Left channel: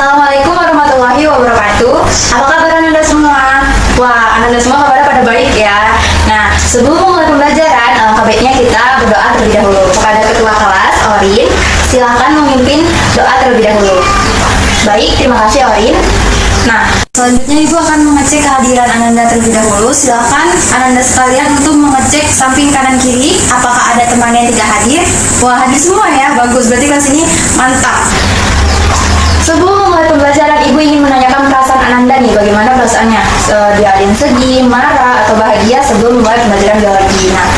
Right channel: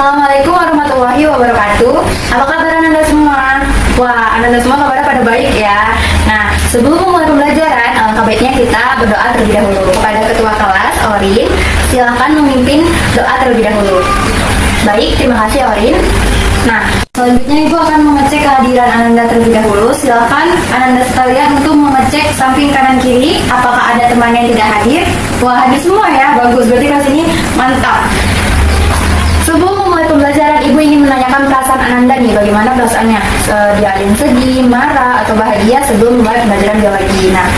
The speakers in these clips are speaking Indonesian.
Assalamualaikum warahmatullahi wabarakatuh. Apa kabar Anda semua? Wah, Anda semua kabarnya pada baik ya. Nah, sebelum memulai pembelajaran, alangkah baiknya kita berdoa terlebih dahulu. Kepada ketua kelas, Orin, silakan memimpin doa terlebih dahulu. Baik, terima kasih Orin. Nah, selanjutnya Ibu akan mengecek kehadiran Ananda terlebih dahulu. Silakan Ananda sekalian untuk mengecek samping kanan kiri apakah ada teman yang tidak hadir. Wah, hadir semua ya, bagus. Berarti kelas ini mantap. Sebelum memulai pembelajaran, Ibu ingin menanyakan perasaan Ananda nih, bagaimana perasaannya? Dia ada yang sedih, marah, atau bahagia sebelum memulai pembelajaran biologi. Nah,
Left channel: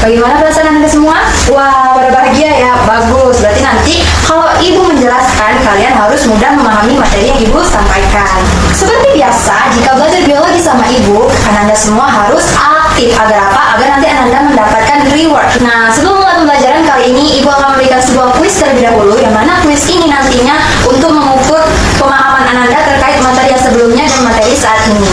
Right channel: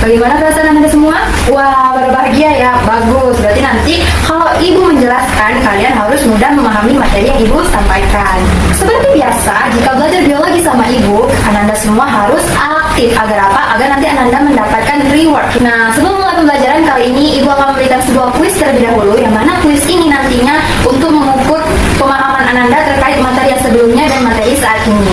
bagaimana perasaan Anda semua? Wah, pada bahagia ya, bagus. Berarti nanti kalau Ibu menjelaskan, kalian harus mudah memahami materi yang Ibu sampaikan. Seperti biasa, jika belajar biologi sama Ibu, Ananda semua harus aktif. Agar apa? Agar nanti Ananda mendapatkan reward. Nah, sebelum memulai pembelajaran kali ini, Ibu akan memberikan sebuah kuis terlebih dahulu, yang mana kuis ini nantinya untuk mengukur pemahaman Ananda terkait materi yang sebelumnya dan materi saat ini.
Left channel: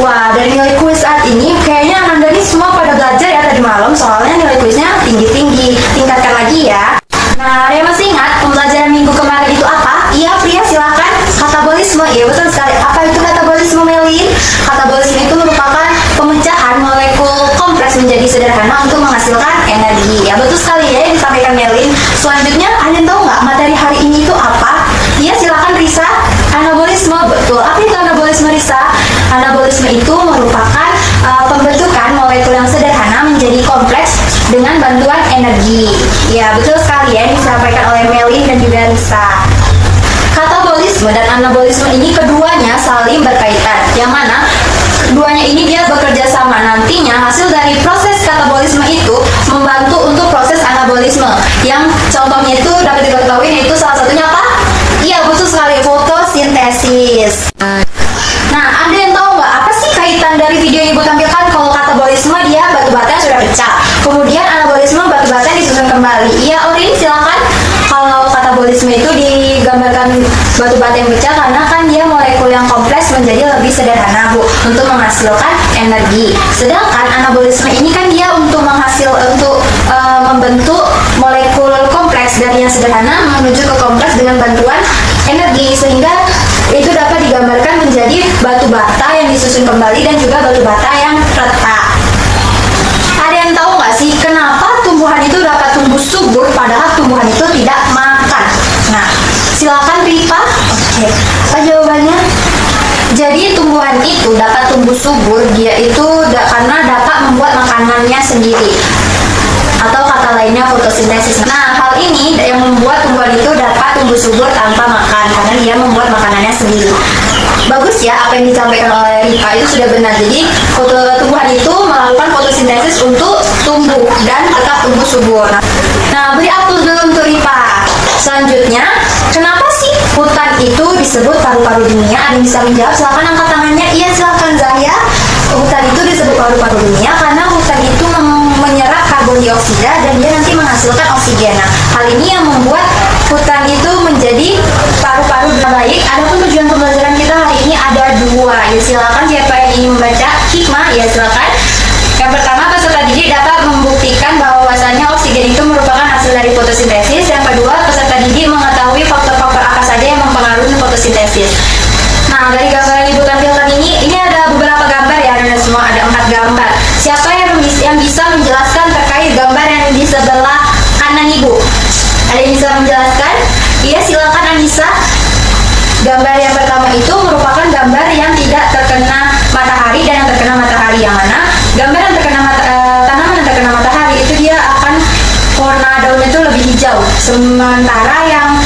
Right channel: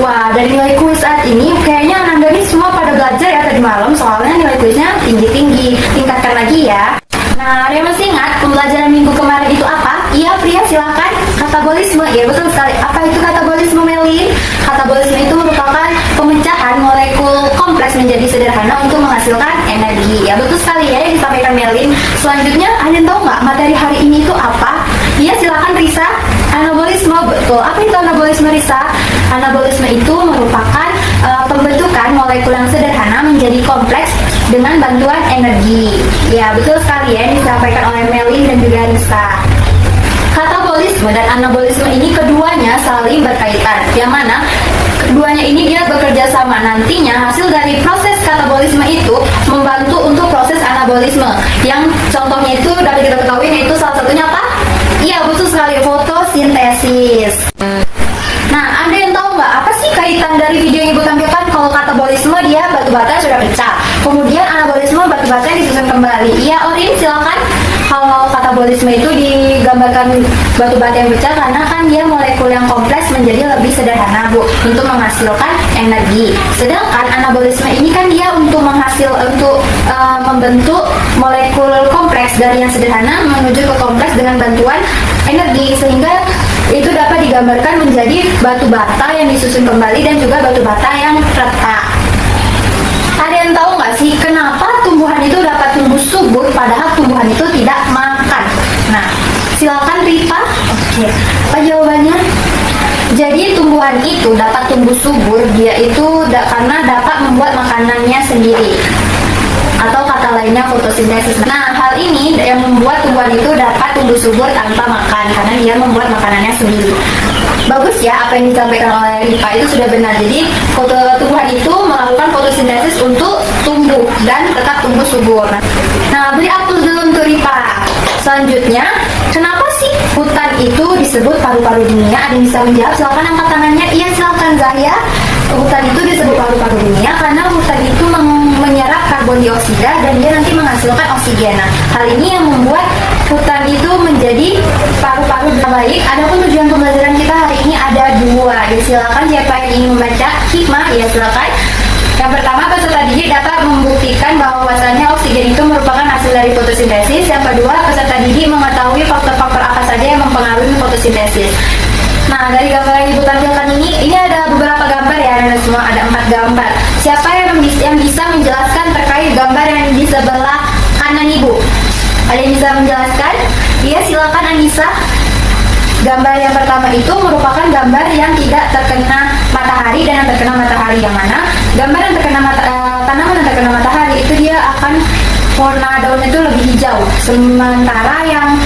Wah, dari nilai kuis saat ini, kayaknya Ananda ini semua pada belajar ya tadi malam, soalnya nilai kuisnya tinggi-tinggi. Tingkatkan lagi ya. Nah, ada yang masih ingat pembelajaran minggu kemarin itu apa? Iya, Pria, silakan. Katabolisme, iya betul sekali. Apa itu katabolisme, Melin? Katabolisme itu merupakan pemecahan molekul kompleks menjadi sederhana untuk menghasilkan energi. Ya betul sekali ya yang disampaikan Melin. Selanjutnya, kalian tahu nggak materi hari ini itu apa? Iya, silakan Risa. Anabolisme, betul. Apa itu anabolisme, Risa? Anabolisme itu merupakan pembentukan molekul yang sederhana menjadi kompleks dengan bantuan energi. Ya, betul sekali ya, disampaikan oleh Melin dan juga Risa. Katabolisme dan anabolisme ini keduanya saling berkaitan. Yang mana keduanya ini dia bekerja sama. Nantinya hasil dari proses katabolisme itu membantu untuk proses anabolisme. Yang contohnya itu dapat diketahui yaitu salah satunya apa? Iya, betul sekali, fotosintesis. Nah, Anda yang tahu nggak apa sih kaitan dari video yang Ibu tampilkan? Kalau katabolisme dia batu bata yang sudah pecah, kemudian anabolisme batu bata yang disusun kembali. Iya, Orin silakan. Kalau katabolisme itu digambarkan batu bata yang pecah karena kan dia molekul yang kompleks menjadi lebih sederhana, Bu, untuk menghasilkan energi. Sedangkan anabolisme ini kan dia untuk membentuk molekul kompleks dari yang sederhana menuju ke kompleks dengan bantuan energi, sehingga itu dapat digambarkan menjadi batu bata yang disusun kembali dan juga batu bata yang retak. Ada yang tahu nggak sih kenapa tumbuhan itu dapat tumbuh subur padahal tumbuhan itu tidak makan? Nah, silakan Rita. Oke, apa jawabannya? Jadi tumbuhan itu dapat tumbuh subur, dia itu karena dapat membuat makanannya sendiri, atau kata lainnya fotosintesis. Nah, hal ini yang membuat tumbuhan itu dapat tumbuh subur tanpa makan karena dia membuat makanannya sendiri. Bagus ya, apa yang disampaikan oleh Rika itu sudah benar. Jadi tumbuhan itu melakukan fotosintesis untuk tumbuh dan tetap tumbuh subur. Nah, beri aplaus dulu untuk Rika. Selanjutnya, kenapa sih hutan itu disebut paru-paru dunia? Ada yang bisa menjawab? Silakan angkat tangannya. Iya, silakan Zahya. Hutan itu disebut paru-paru dunia karena hutan itu menyerap karbon dioksida dan dia nanti menghasilkan oksigen. Nah, hal ini yang membuat hutan itu menjadi paru-paru baik. Adapun tujuan pembelajaran kita hari ini ada dua. Ya, silakan siapa yang ingin membaca hikmah, ya silakan. Yang pertama, peserta didik dapat membuktikan bahwasannya oksigen itu merupakan hasil dari fotosintesis. Yang kedua, peserta didik mengetahui faktor-faktor apa saja yang mempengaruhi fotosintesis. Nah, dari gambar yang Ibu tampilkan ini ada beberapa gambar ya, Anda semua, ada 4 gambar. Siapa yang bisa menjelaskan terkait gambar yang di sebelah kanan Ibu? Ada yang bisa menjelaskan? Iya, silakan Anissa. Gambar yang pertama itu merupakan gambar yang tidak terkena matahari dan yang terkena matahari. Yang mana gambar yang terkena tanaman yang terkena matahari itu dia akan warna daunnya itu lebih hijau, sementara yang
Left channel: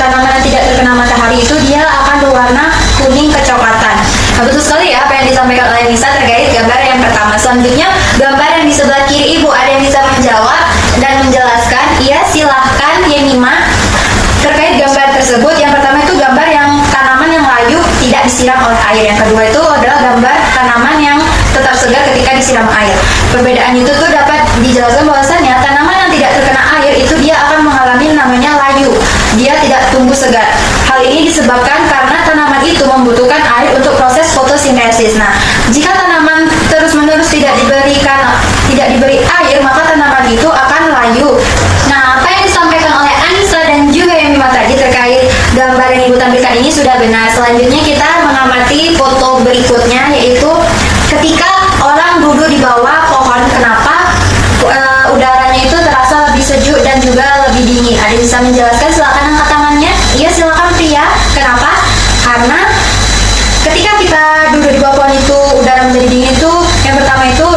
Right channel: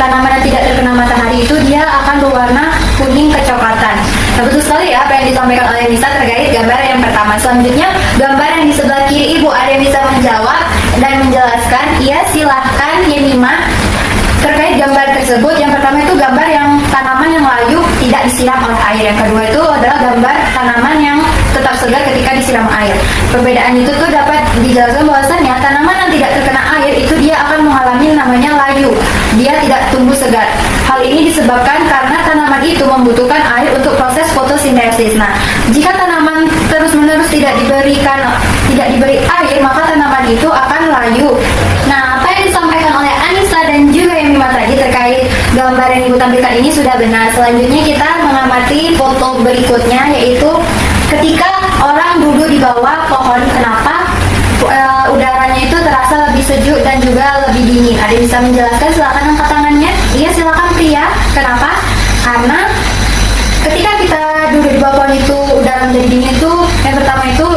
tanaman yang tidak terkena matahari itu dia akan berwarna kuning kecoklatan. Nah, betul sekali ya apa yang disampaikan oleh Nisa terkait gambar yang pertama. Selanjutnya, gambar yang di sebelah kiri Ibu, ada yang bisa menjawab dan menjelaskan? Iya, silahkan Yenima. Terkait gambar tersebut, yang pertama itu gambar yang tanaman yang layu tidak disiram oleh air. Yang kedua itu adalah gambar tanaman yang tetap segar ketika disiram air. Perbedaan itu tuh dapat dijelaskan bahwasannya tanaman yang tidak terkena air itu dia akan mengalami namanya layu. Dia tidak tumbuh segar. Hal ini disebabkan karena tanaman itu membutuhkan air untuk proses fotosintesis. Nah, jika tanaman terus-menerus tidak diberi air, maka tanaman itu akan layu. Nah, apa yang disampaikan oleh Anissa dan juga Yemima tadi terkait gambar yang Ibu tampilkan ini sudah benar. Selanjutnya kita mengamati foto berikutnya, yaitu ketika orang duduk di bawah pohon, kenapa udaranya itu terasa lebih sejuk dan juga lebih dingin? Ada yang bisa menjelaskan? Silakan angkat tangannya. Iya, silakan pria. Kenapa? Karena ketika kita duduk di bawah pohon itu udara menjadi dingin itu, yang pertama itu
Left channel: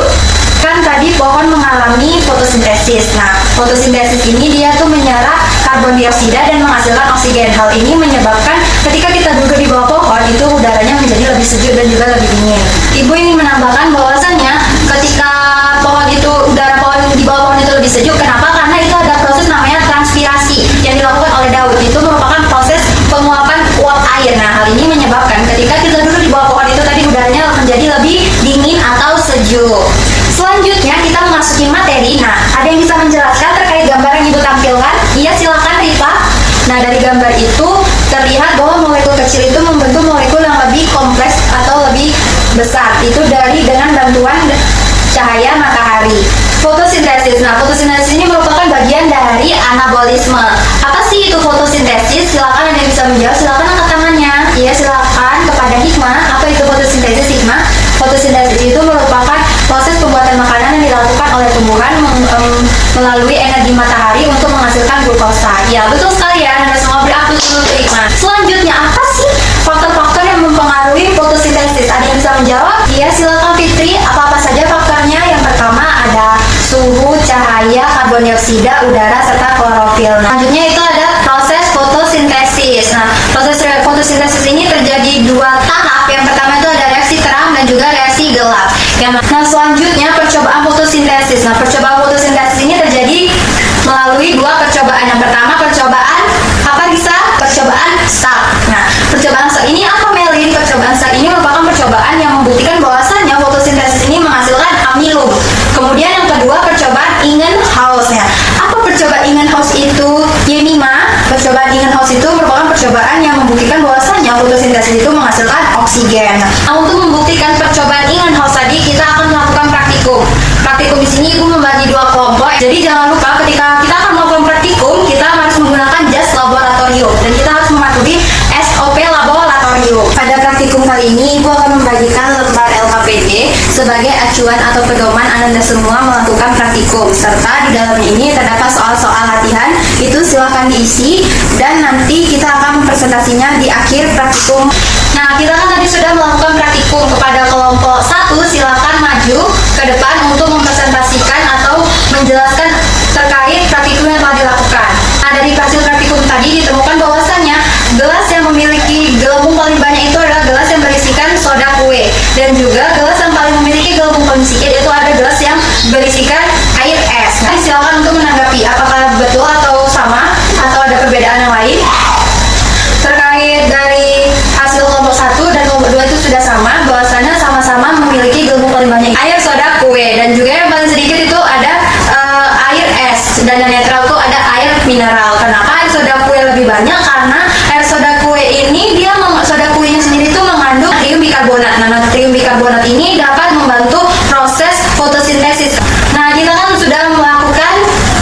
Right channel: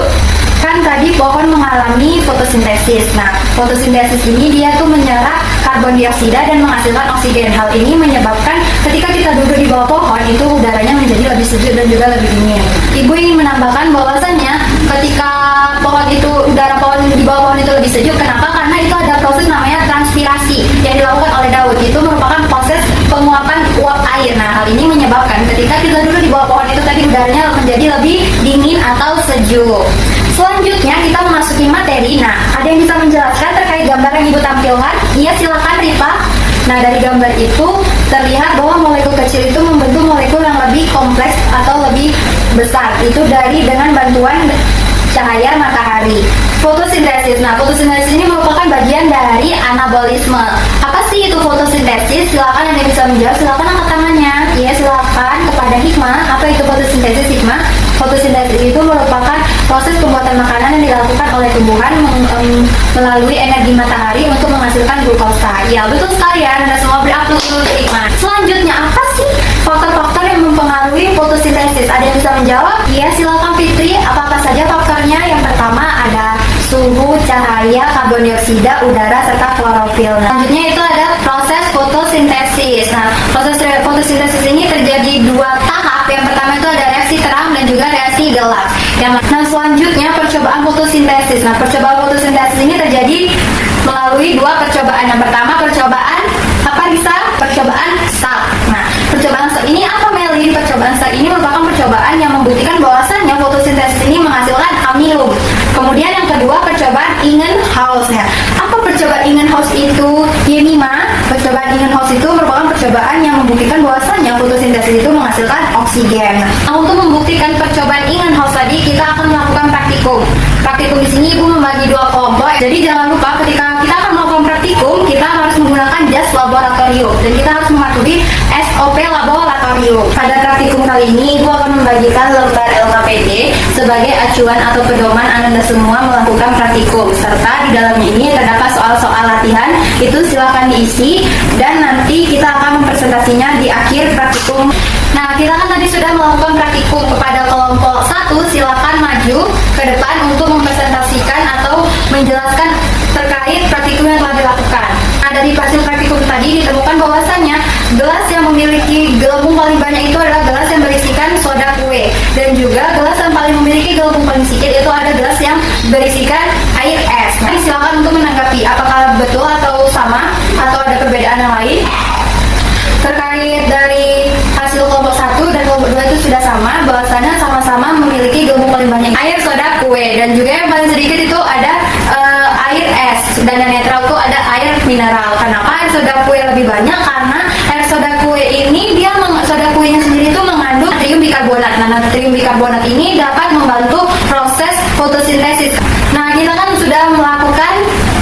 kan tadi pohon mengalami fotosintesis. Nah, fotosintesis ini dia tuh menyerap karbon dioksida dan menghasilkan oksigen. Hal ini menyebabkan ketika kita duduk di bawah pohon itu udaranya menjadi lebih sejuk dan juga lebih dingin. Ibu ingin menambahkan bahwasannya ketika udara pohon di bawah pohon itu lebih sejuk, kenapa? Karena itu ada proses namanya transpirasi yang dilakukan oleh daun. Itu merupakan proses penguapan uap air. Nah, hal ini menyebabkan ketika kita duduk di bawah pohon itu tadi udaranya menjadi lebih dingin atau sejuk. Selanjutnya kita memasuki materi. Nah, ada yang bisa menjelaskan terkait gambar yang Ibu tampilkan? Iya, silakan Rifa. Nah, dari gambar itu terlihat bahwa molekul kecil itu membentuk molekul yang lebih kompleks atau lebih besar. Itu dengan bantuan cahaya matahari. Fotosintesis. Nah, fotosintesis ini merupakan bagian dari anabolisme. Apa sih itu fotosintesis? Silakan, ada yang bisa menjawab. Silakan angkat tangannya. Ya, silakan kepada Hikmah. Apa itu fotosintesis, Hikmah? Fotosintesis itu merupakan proses pembuatan makanan yang dilakukan oleh tumbuhan melalui energi matahari untuk menghasilkan glukosa. Ya, betul sekali ya. Anda semua beri aplaus dulu untuk Hikmah. Selanjutnya, apa sih faktor-faktor yang mempengaruhi fotosintesis? Ada yang bisa menjawab? Ya, silakan Fitri. Apa-apa saja faktornya? Yang pertama ada suhu, cahaya, karbon dioksida, udara, serta klorofil. Selanjutnya itu ada proses fotosintesis. Nah, proses fotosintesis ini terjadi dua tahap. Yang pertama itu ada reaksi terang dan juga reaksi gelap. Nah, selanjutnya percobaan fotosintesis. Nah, percobaan fotosintesis ini terjadi melalui dua percobaan. Yang pertama percobaan apa bisa? Percobaan Salk. Nah, percobaan Salk ini apa, Melin? Percobaan Salk ini merupakan percobaan yang membuktikan bahwasannya fotosintesis ini menghasilkan amilum. Kemudian yang kedua percobaan Ingenhousz. Ya, apa percobaan Ingenhousz itu? Yemima, percobaan Ingenhousz itu merupakan percobaan yang membuktikan bahwasannya fotosintesis itu menghasilkan oksigen. Nah, untuk membuktikan percobaan Ingenhousz tadi kita akan melakukan praktikum. Praktikum di sini Ibu membagi dua kelompok. Jadi jangan lupa ketika kita akan melakukan praktikum, kita harus menggunakan jas laboratorium dan kita harus mematuhi SOP laboratorium. Pada praktikum kali ini Ibu akan membagikan lembar LKPD sebagai acuan atau pedoman Anda semua melakukan praktikum, serta di dalam ini terdapat soal-soal latihan. Itu silakan diisi dan nanti kita akan mempresentasinya di akhir praktikum. Nah, kita kan tadi sudah melakukan praktikum. Kepada kelompok 1 silakan maju ke depan untuk mempresentasikan atau menjelaskan terkait praktikum yang telah dilakukan. Nah, dari hasil praktikum tadi ditemukan bahwasannya gelas yang memiliki gelembung paling banyak itu adalah gelas yang berisikan soda kue, dan juga gelas yang paling memiliki gelembung paling sedikit itu ada gelas yang berisikan air es. Nah, silakan untuk menanggapi apakah betul atau sama atau ada perbedaan yang lain. Terkait dari hasil kelompok 1 dan kelompok 2 itu sudah sama, bahwasanya sama-sama memiliki gelembung paling banyak air soda kue, dan juga yang paling sedikit itu ada air es, dan yang netral itu ada air mineral. Kenapa air soda kue lebih banyak? Karena air soda kue ini soda kuenya sendiri itu mengandung natrium bikarbonat. Nah, natrium bikarbonat ini dapat membantu proses fotosintesis. Nah, kita kan sudah melakukan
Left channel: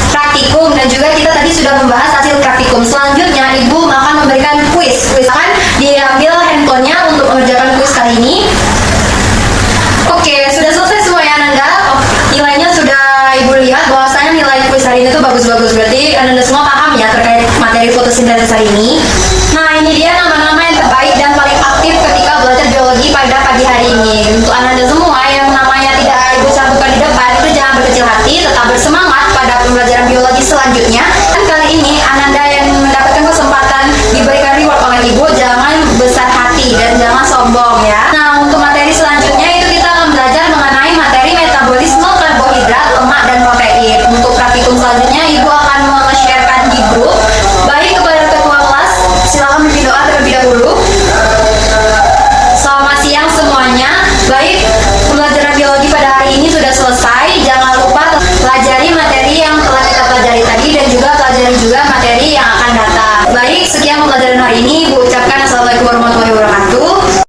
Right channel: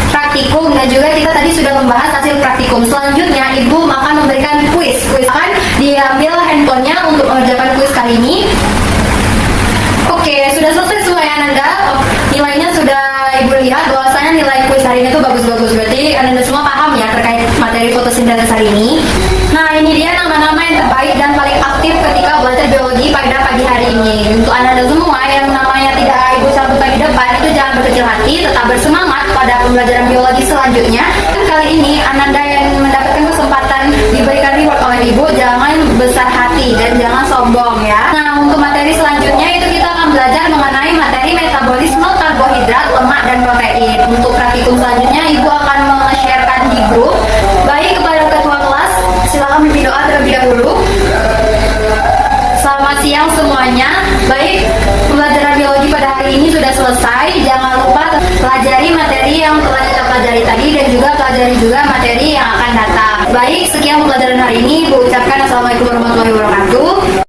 praktikum dan juga kita tadi sudah membahas hasil praktikum. Selanjutnya Ibu akan memberikan kuis. Kuis akan diambil handphonenya untuk mengerjakan kuis kali ini. Oke, sudah selesai semua ya Ananda. Nilainya sudah Ibu lihat bahwasanya nilai kuis hari ini itu bagus-bagus. Berarti Ananda semua paham ya terkait materi fotosintesis hari ini. Nah, ini dia nama-nama yang terbaik dan paling aktif ketika belajar biologi pada pagi hari ini. Untuk Ananda semua yang namanya tidak Ibu cantumkan di depan, itu jangan berkecil hati, tetap bersemangat pada pembelajaran biologi selanjutnya.